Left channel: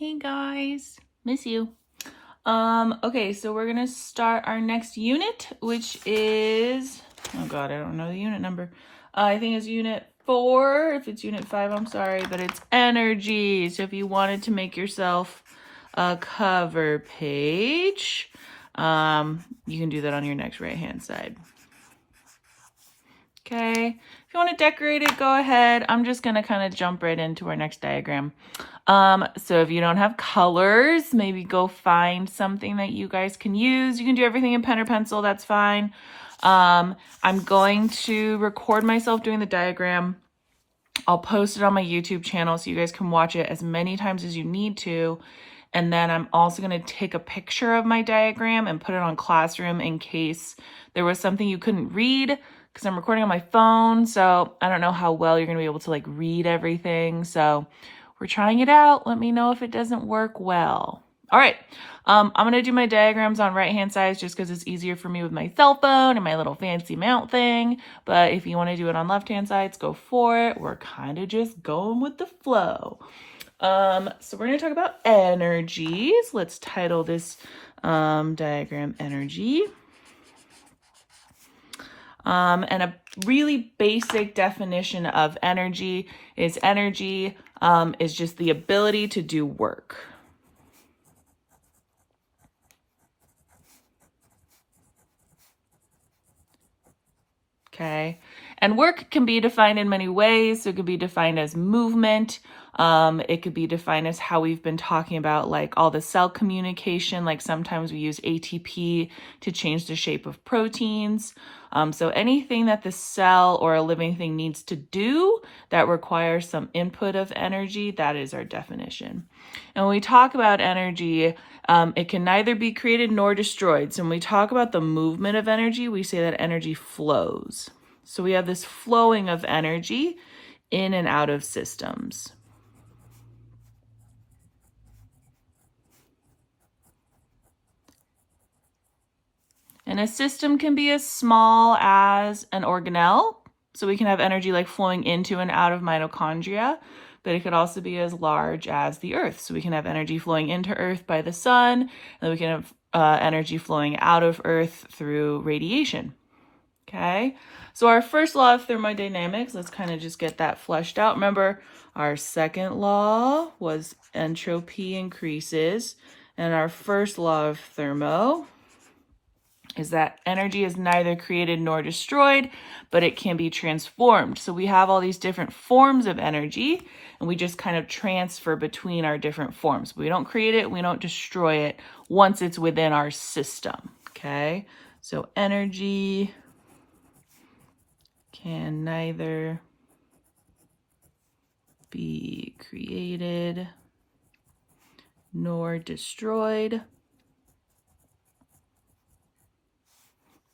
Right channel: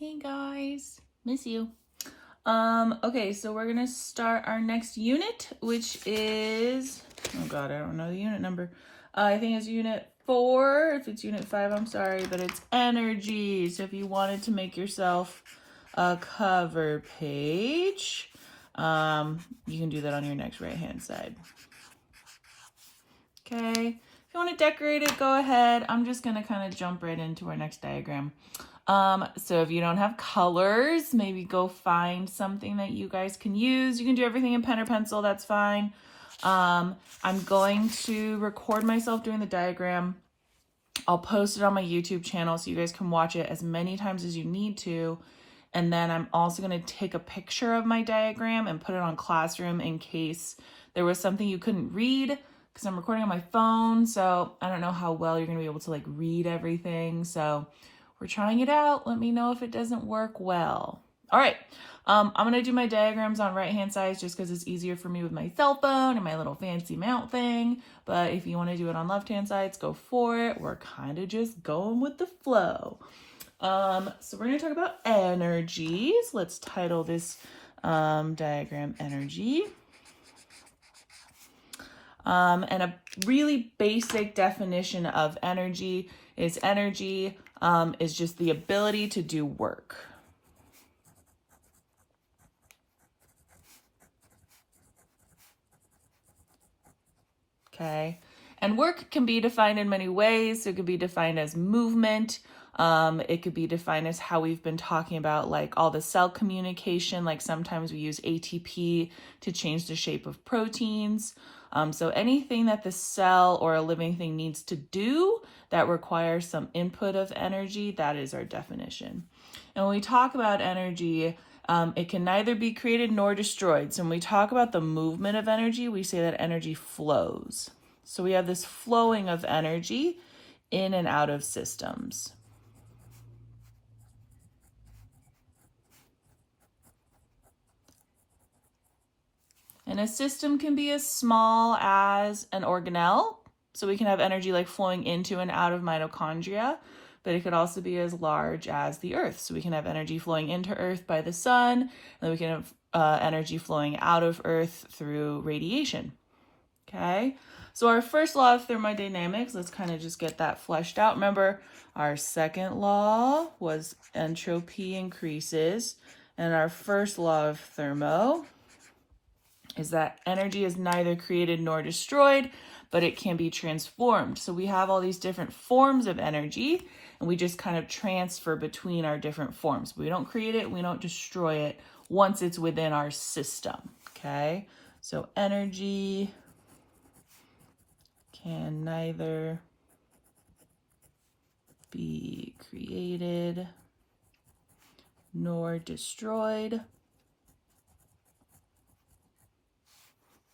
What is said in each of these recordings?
Hey guys, miss you. Okay, so we're gonna start our next unit, which is, oh God, I don't know the unit number. I think it's unit 4. If it's unit 5, I'm sorry, but it's energy. So if you wanted to make yourself a cover page, you can do that on your next right-hand side. Okay, if you want to decorate it, go ahead. I'm just gonna kind of jump right into our next diagram. So if you don't have colors, maybe go find something that you guys can use. You can do everything in pen or pencil, that's fine. I'm going to record myself doing the diagram. I'll post it on my YouTube channel so you guys can watch it as many times as you need to. And then I'm also going to take a picture of my diagram and put it on Classroom in case there was something you couldn't read, because I'm recording on my phone. So I don't know how well you're going to be able to like read everything. So we're trying it out. Let me know if it doesn't work well. All right. I'm going to do my diagrams on right-hand side just because it's easier for me with my cell phone and my little fancy mount thing. But if you want to do it on left-hand sides, go for it. We're kind of just going with the flow. So we're going to talk about energies. Let's title this diagram energy. And a really basic definition of energy is just the ability to do work. Okay, and work can be defined in many ways. So it could be defined as movement. It could be defined as how we've been talking about like all the cell communication, like sometimes we use ATP to change the shape of proteins. So anything that the cell or a living thing needs to do that requires some input of energy, that is our definition. And when we talk about energy, it can neither be created nor destroyed. So when we talk about the movement of energy, we say that energy flows. So we have this flowing of energy in and out of systems. And a system can be as small as an organelle. So we can have energy like flowing into and out of mitochondria, but it could also be as large as the Earth. So we can have energy flowing into Earth by the sun, and then we can have energy flowing out of Earth through radiation. Okay, so our first law of thermodynamics, let's kind of just get that fleshed out. Remember, our second law was entropy increases, and our first law of thermo is that energy is neither created nor destroyed, but it can be transformed. So we have all these different forms of energy, and we just kind of transfer between our different forms. We don't create it, we don't destroy it once it's within our system, okay? So energy can neither be created nor destroyed,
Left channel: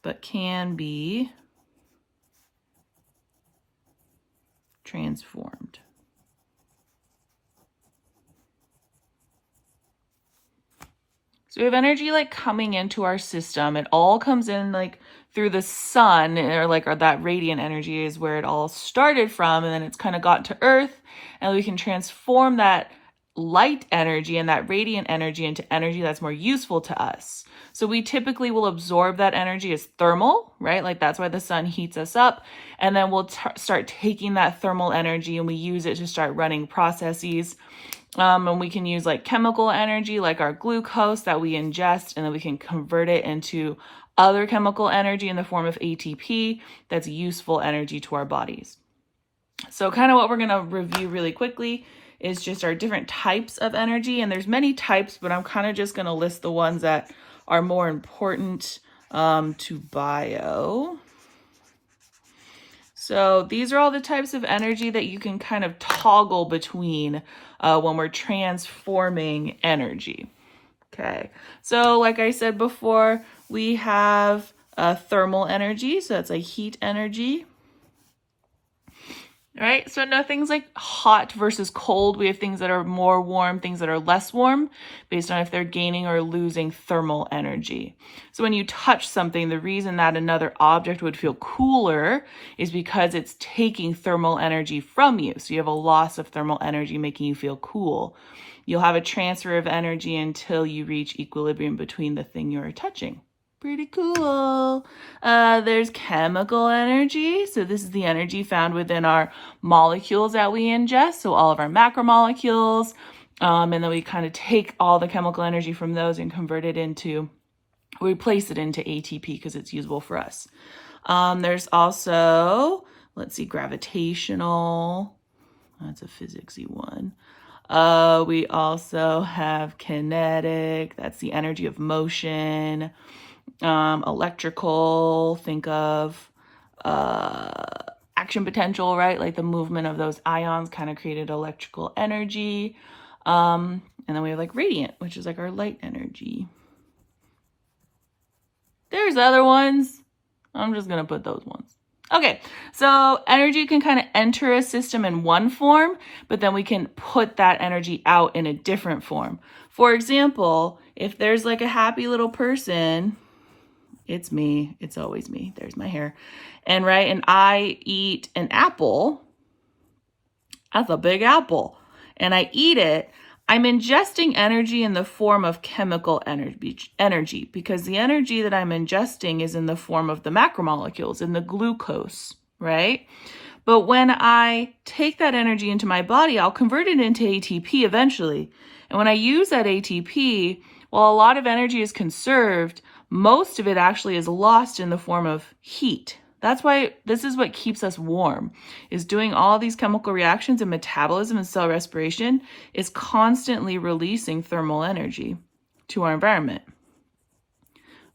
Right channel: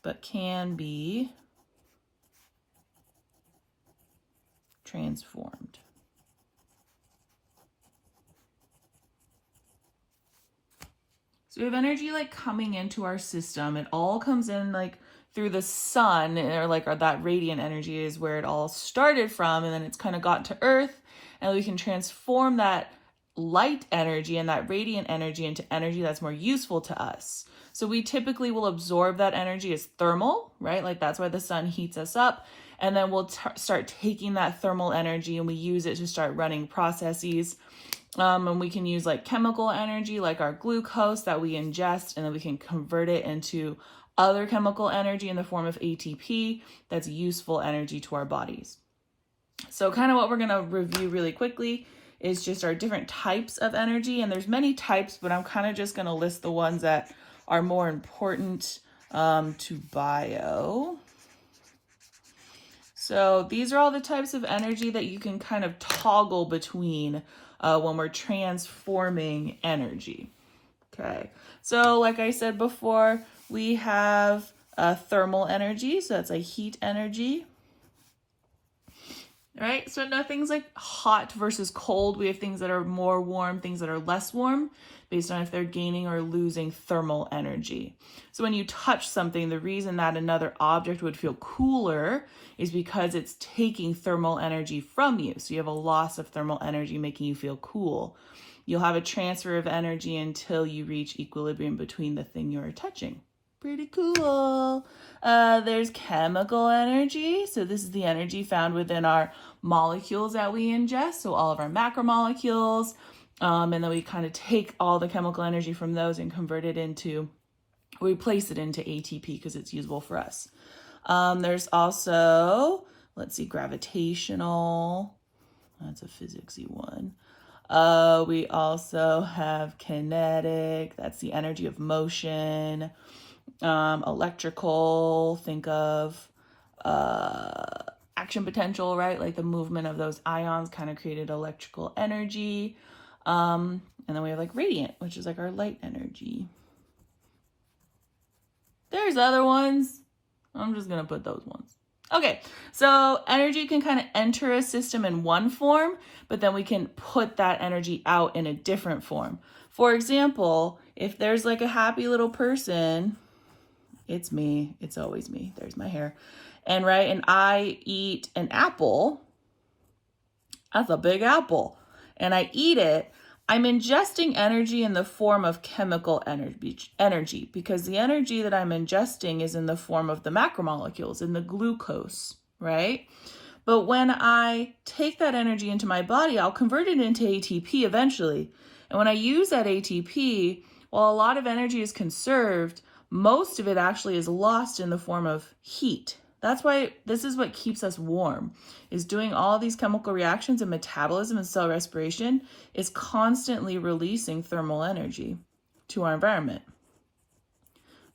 but can be transformed. So we have energy like coming into our system. It all comes in like through the sun, or that radiant energy is where it all started from, and then it's kind of got to Earth, and we can transform that light energy and that radiant energy into energy that's more useful to us. So we typically will absorb that energy as thermal, right? Like that's why the sun heats us up. And then we'll start taking that thermal energy and we use it to start running processes. And we can use like chemical energy, like our glucose that we ingest, and then we can convert it into other chemical energy in the form of ATP that's useful energy to our bodies. So kind of what we're going to review really quickly is just our different types of energy. And there's many types, but I'm kind of just going to list the ones that are more important to bio. So these are all the types of energy that you can kind of toggle between when we're transforming energy. Okay, so like I said before, we have thermal energy, so that's like heat energy. right? So nothing's like hot versus cold. We have things that are more warm, things that are less warm, based on if they're gaining or losing thermal energy. So when you touch something, the reason that another object would feel cooler is because it's taking thermal energy from you. So you have a loss of thermal energy making you feel cool. You'll have a transfer of energy until you reach equilibrium between the thing you're touching. Pretty cool. There's chemical energy. So this is the energy found within our molecules that we ingest. So all of our macromolecules. And then we kind of take all the chemical energy from those and convert it into, replace it into ATP because it's usable for us. There's also, let's see, gravitational. That's a physicsy one. We also have kinetic. That's the energy of motion. Electrical, think of action potential, right? Like the movement of those ions kind of created electrical energy. And then we have like radiant, which is like our light energy. There's other ones. I'm just going to put those ones. Okay, so energy can kind of enter a system in one form, but then we can put that energy out in a different form. For example, if there's like a happy little person, it's me, it's always me, there's my hair, and I eat an apple, that's a big apple, and I eat it, I'm ingesting energy in the form of chemical energy because the energy that I'm ingesting is in the form of the macromolecules, in the glucose, right? But when I take that energy into my body, I'll convert it into ATP eventually. And when I use that ATP, while a lot of energy is conserved, most of it actually is lost in the form of heat. That's why this is what keeps us warm, is doing all these chemical reactions and metabolism and cell respiration is constantly releasing thermal energy to our environment.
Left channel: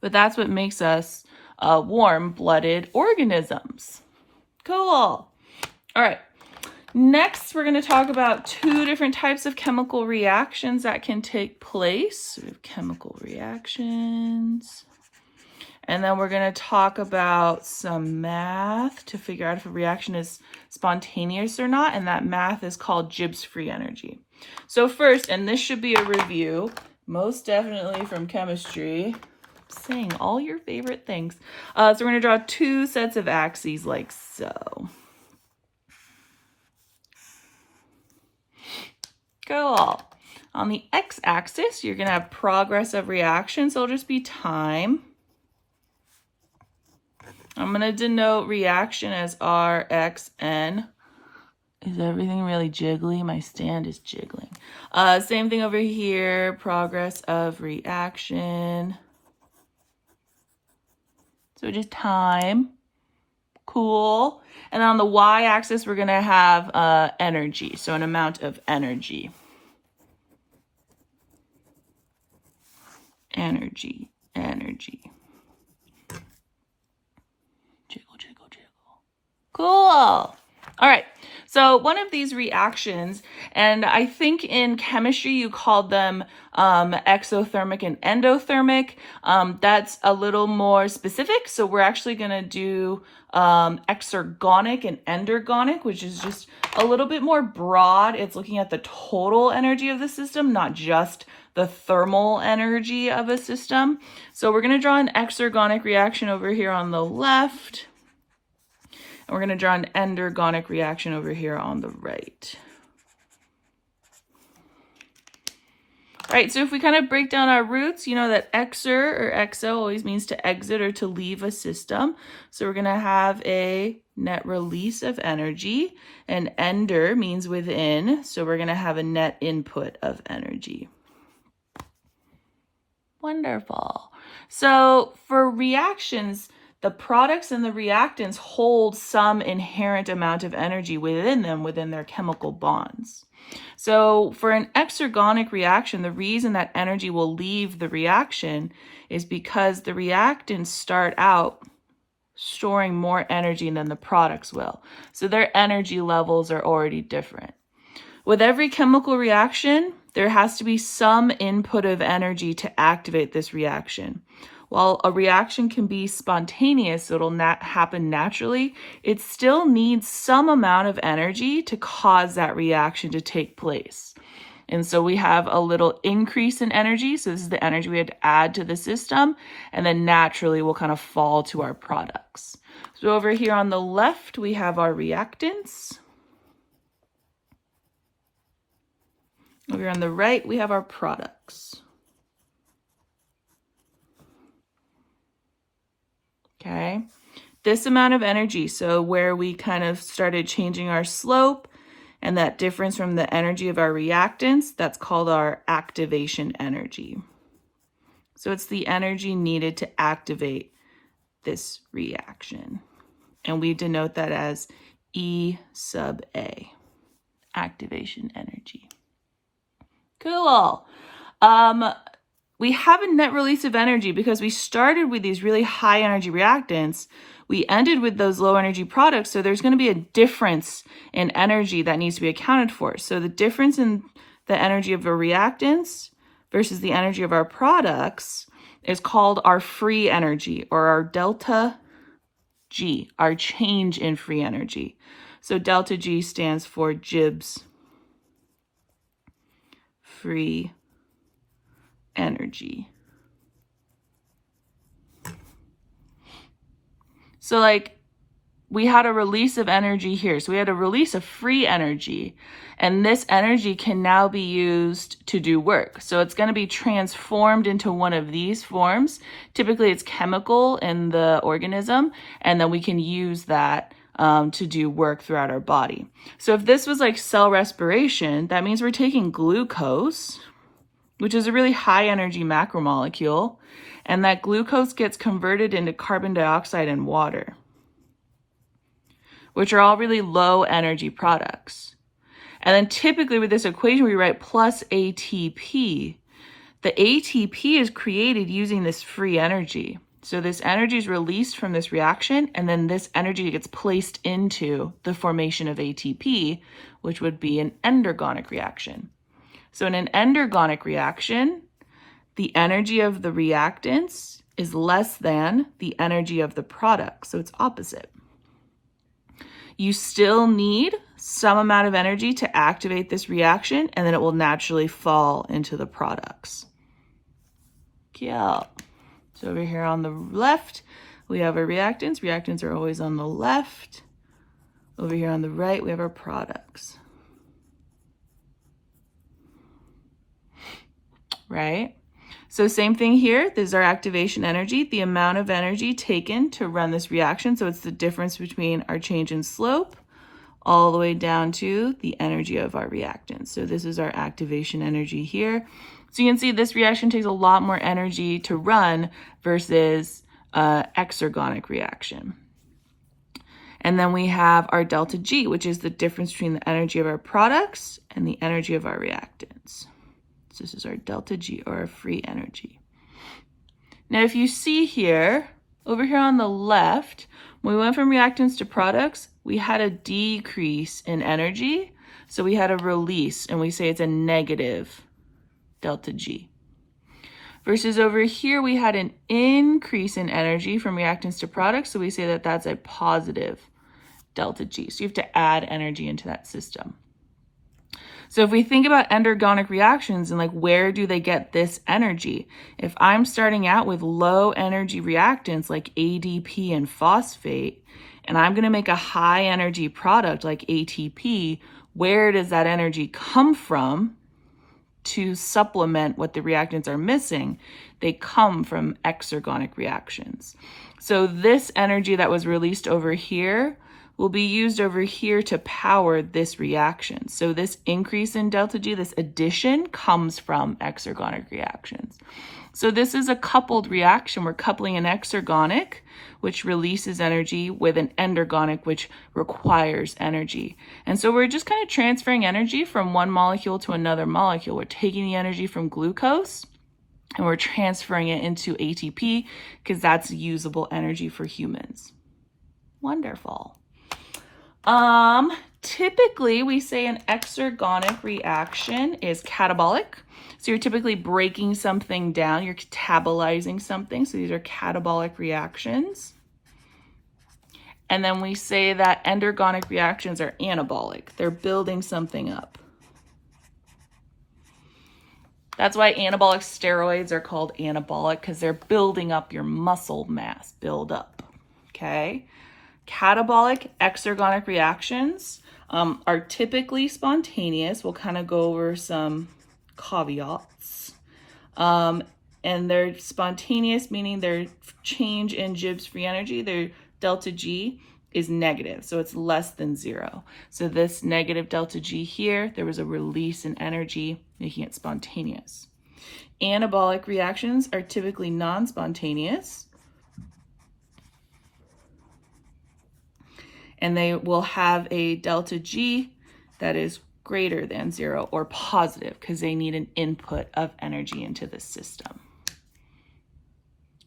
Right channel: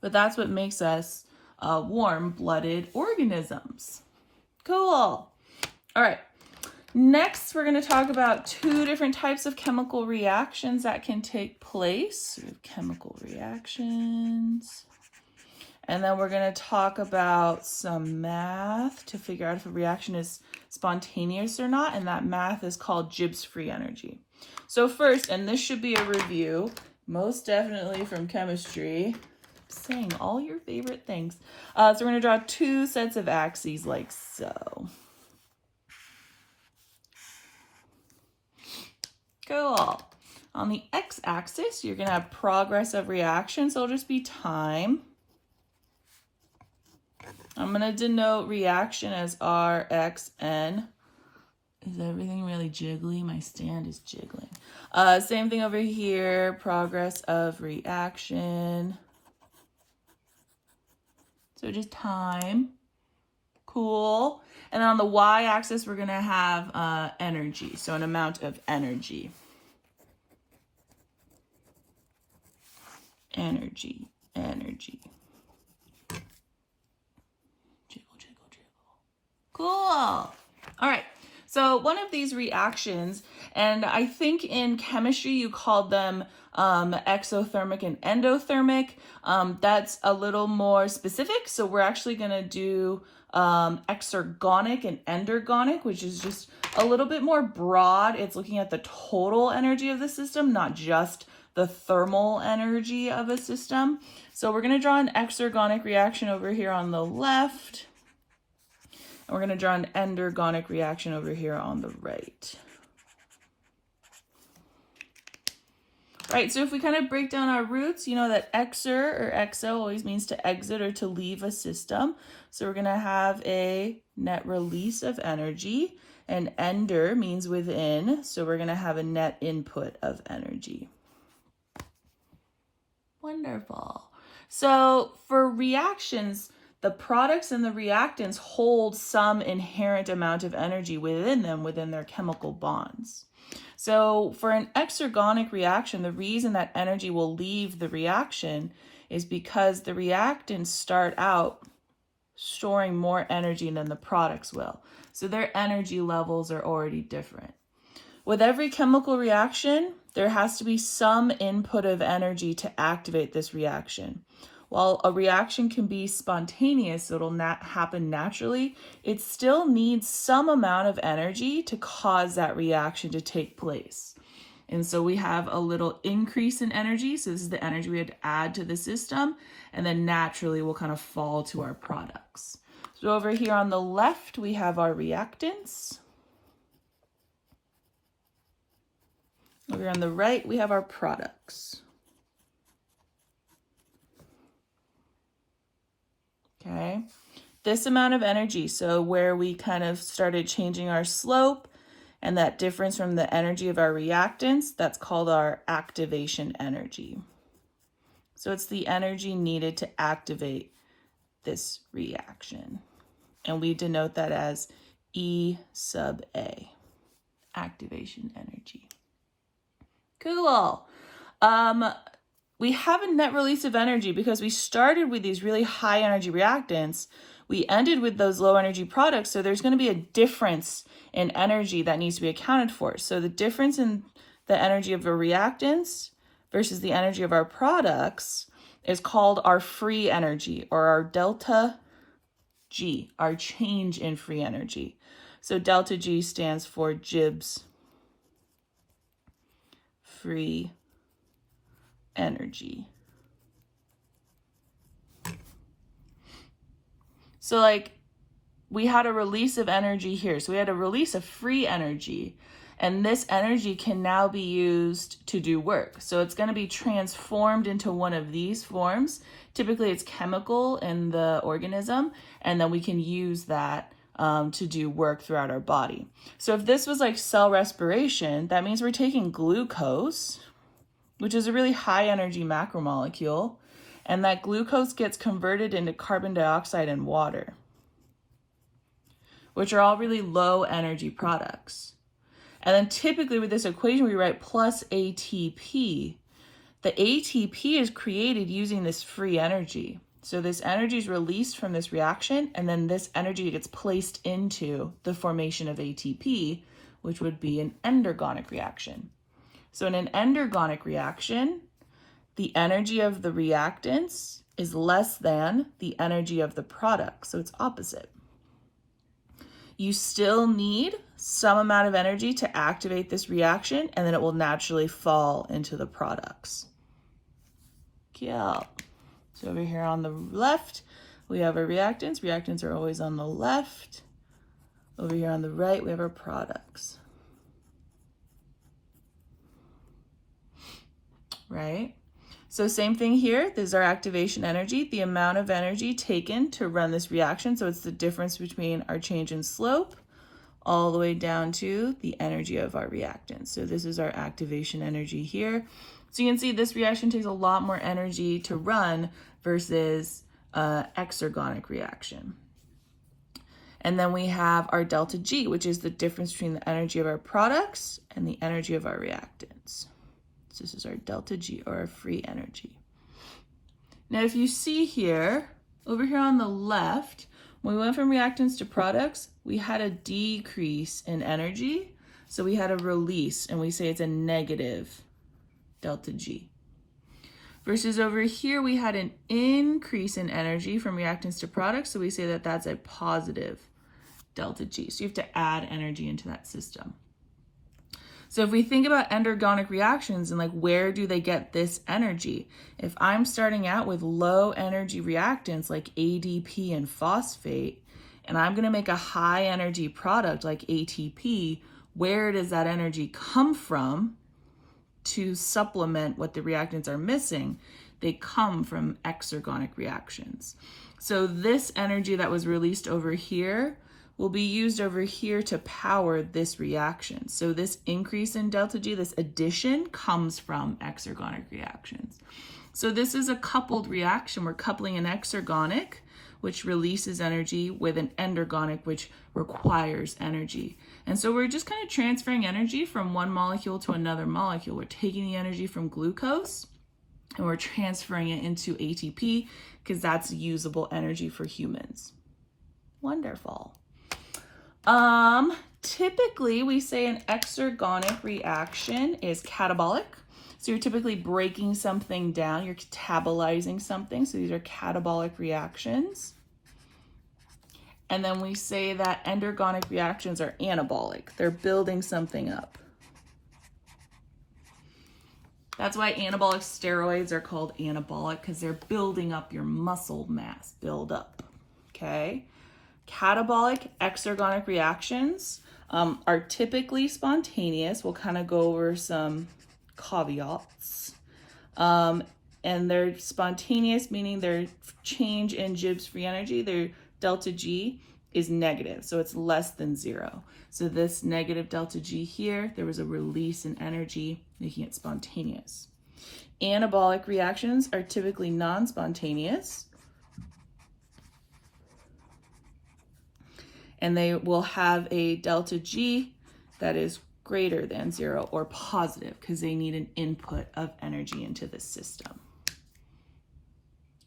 But that's what makes us warm-blooded organisms. Cool. All right. Next, we're going to talk about two different types of chemical reactions that can take place. Chemical reactions. And then we're going to talk about some math to figure out if a reaction is spontaneous or not. And that math is called Gibbs free energy. So first, and this should be a review, most definitely from chemistry, saying all your favorite things. So we're going to draw two sets of axes like so. Cool. On the x-axis, you're going to have progress of reaction, so it'll just be time. I'm going to denote reaction as RXN. Is everything really jiggly? My stand is jiggling. Same thing over here, progress of reaction. So just time. Cool. And on the y-axis, we're going to have energy, so an amount of energy. Energy. Jiggle. Cool. All right. So one of these reactions, and I think in chemistry you called them exothermic and endothermic. That's a little more specific. So we're actually going to do exergonic and endergonic, which is just a little bit more broad. It's looking at the total energy of the system, not just the thermal energy of a system. So we're going to draw an exergonic reaction over here on the left. And we're going to draw an endergonic reaction over here on the right. All right, so if we kind of break down our roots, you know that exer or exo always means to exit or to leave a system. So we're going to have a net release of energy, and ender means within. So we're going to have a net input of energy. Wonderful. So for reactions, the products and the reactants hold some inherent amount of energy within them, within their chemical bonds. So for an exergonic reaction, the reason that energy will leave the reaction is because the reactants start out storing more energy than the products will. So their energy levels are already different. With every chemical reaction, there has to be some input of energy to activate this reaction. while a reaction can be spontaneous, so it'll happen naturally, it still needs some amount of energy to cause that reaction to take place. And so we have a little increase in energy. So this is the energy we had to add to the system. And then naturally we'll kind of fall to our products. So over here on the left, we have our reactants. Over here on the right, we have our products. Okay, this amount of energy, so where we kind of started changing our slope and that difference from the energy of our reactants, that's called our activation energy. So it's the energy needed to activate this reaction. And we denote that as E sub A, activation energy. Cool. We have a net release of energy because we started with these really high energy reactants. We ended with those low energy products. So there's going to be a difference in energy that needs to be accounted for. So the difference in the energy of our reactants versus the energy of our products is called our free energy, or our delta G, our change in free energy. So delta G stands for Gibbs free energy. So like we had a release of energy here. So we had a release of free energy, and this energy can now be used to do work. So it's going to be transformed into one of these forms. Typically it's chemical in the organism, and then we can use that to do work throughout our body. So if this was like cell respiration, that means we're taking glucose, which is a really high energy macromolecule, and that glucose gets converted into carbon dioxide and water, which are all really low energy products. And then typically with this equation, we write plus ATP. The ATP is created using this free energy. So this energy is released from this reaction, and then this energy gets placed into the formation of ATP, which would be an endergonic reaction. So in an endergonic reaction, the energy of the reactants is less than the energy of the product. So it's opposite. You still need some amount of energy to activate this reaction, and then it will naturally fall into the products. Yeah. So over here on the left, we have our reactants. Reactants are always on the left. Over here on the right, we have our products. Right? So same thing here. This is our activation energy, the amount of energy taken to run this reaction. So it's the difference between our change in slope all the way down to the energy of our reactants. So this is our activation energy here. So you can see this reaction takes a lot more energy to run versus exergonic reaction. And then we have our delta G, which is the difference between the energy of our products and the energy of our reactants. So this is our delta G, or our free energy. Now, if you see here, over here on the left, when we went from reactants to products, we had a decrease in energy. So we had a release, and we say it's a negative delta G. Versus over here, we had an increase in energy from reactants to products. So we say that that's a positive delta G. So you have to add energy into that system. So if we think about endergonic reactions and like where do they get this energy? If I'm starting out with low energy reactants like ADP and phosphate, and I'm going to make a high energy product like ATP, where does that energy come from to supplement what the reactants are missing? They come from exergonic reactions. So this energy that was released over here will be used over here to power this reaction. So this increase in delta G, this addition, comes from exergonic reactions. So this is a coupled reaction. We're coupling an exergonic, which releases energy, with an endergonic, which requires energy. And so we're just kind of transferring energy from one molecule to another molecule. We're taking the energy from glucose and we're transferring it into ATP because that's usable energy for humans. Wonderful. Typically, we say an exergonic reaction is catabolic. So you're typically breaking something down, you're catabolizing something. So these are catabolic reactions. And then we say that endergonic reactions are anabolic. They're building something up. That's why anabolic steroids are called anabolic, because they're building up your muscle mass, build up, okay? Catabolic exergonic reactions are typically spontaneous. We'll kind of go over some caveats. And they're spontaneous, meaning their change in Gibbs free energy, their delta G is negative, so it's less than 0. So this negative delta G here, there was a release in energy, making it spontaneous. Anabolic reactions are typically non-spontaneous, and they will have a delta G that is greater than 0 or positive, because they need an input of energy into the system.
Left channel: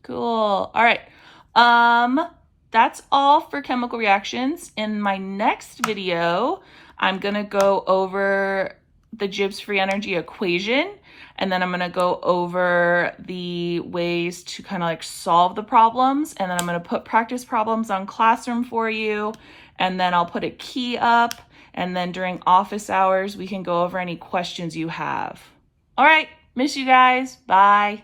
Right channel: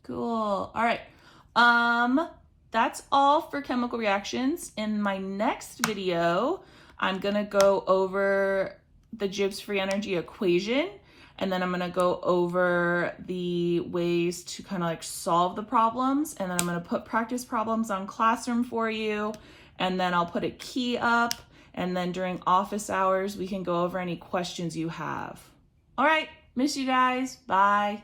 Cool. All right. That's all for chemical reactions. In my next video, I'm going to go over the Gibbs free energy equation, and then I'm going to go over the ways to kind of like solve the problems, and then I'm going to put practice problems on Classroom for you, and then I'll put a key up, and then during office hours, we can go over any questions you have. All right, miss you guys. Bye.